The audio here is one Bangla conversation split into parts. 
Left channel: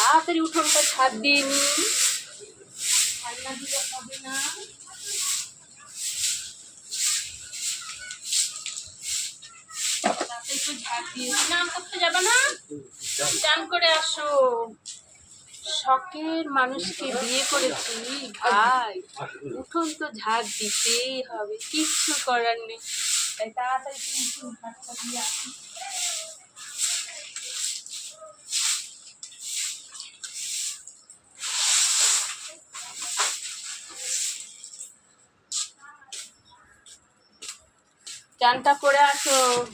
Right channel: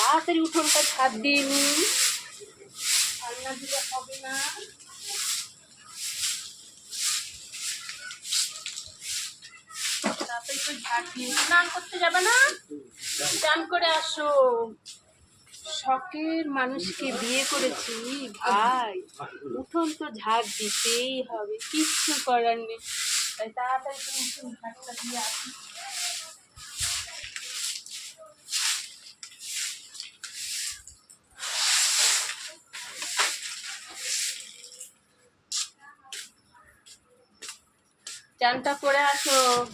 তাড়াতাড়ি উঠোনটা ঝাঁপ দিয়ে নি। রান্না দিলে হবে না। তাড়াতাড়ি তো দিয়ে স্নান করতে যাবে না? স্নান করে আসো। শখের মানুষকে বিয়ে ভাই। উঠোন তো ঝাঁক দিতেই হবে, কিচ্ছু করার নেই। তাই তাড়াতাড়ি দিয়ে আসি। চানটা করে আসো।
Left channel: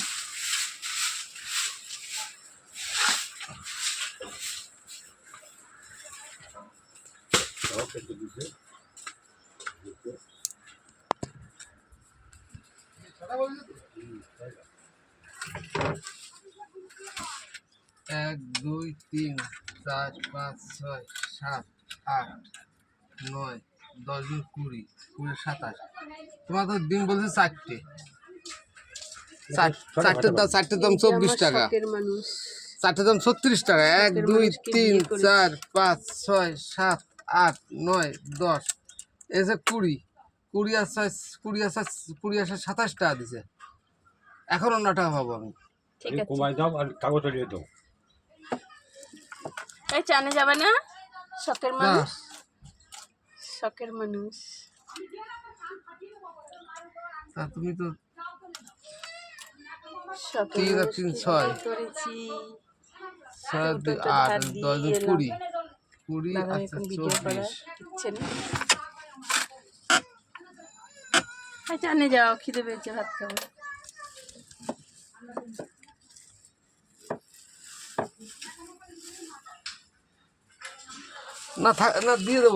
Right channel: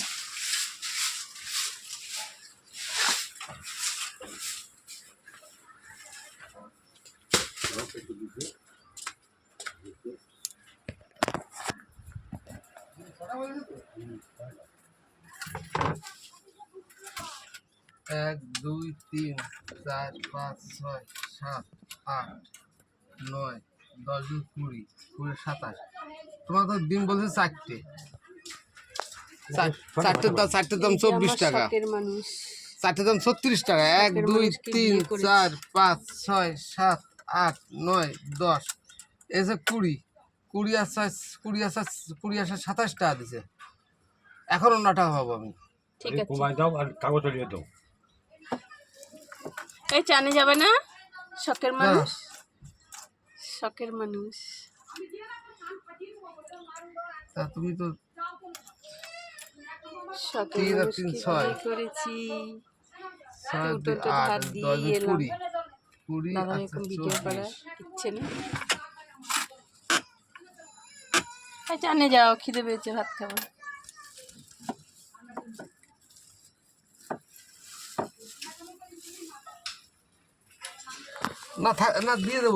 এক, দুই, তিন, চার, পাঁচ, ছয়, সাত, আট, নয়, দশ কুড়ি কুড়ি সাতাশ। তোমার তো দিন বলছে চারটে। চার- চারটের দাম চারটের দাম চব্বিশ টাকা। চারটের দাম ছত্রিশ টাকা। এক দুই তিন চার পাঁচ ছয় সাত আট নয় দশ। এসে কুড়ি কুড়ি আর ছয় কুড়ি আর কুড়ি আর সাতাশ টাকা দিছে। এখনও নটা হব আমি। কমাই দাও আর কাগজটা নিয়ে দাও। এই চানে যাবে না? শখের মানুষ? শখের মানুষ। তা তুমি তো তিন আর তিন ছয়। করেছি? ছয় দুই আট দশ দুই কুড়ি। কুড়ি আচ্ছা চব্বিশ। যাও খিদে পেয়েছে ভাত খাব। না থাক না দিয়ে দেবো।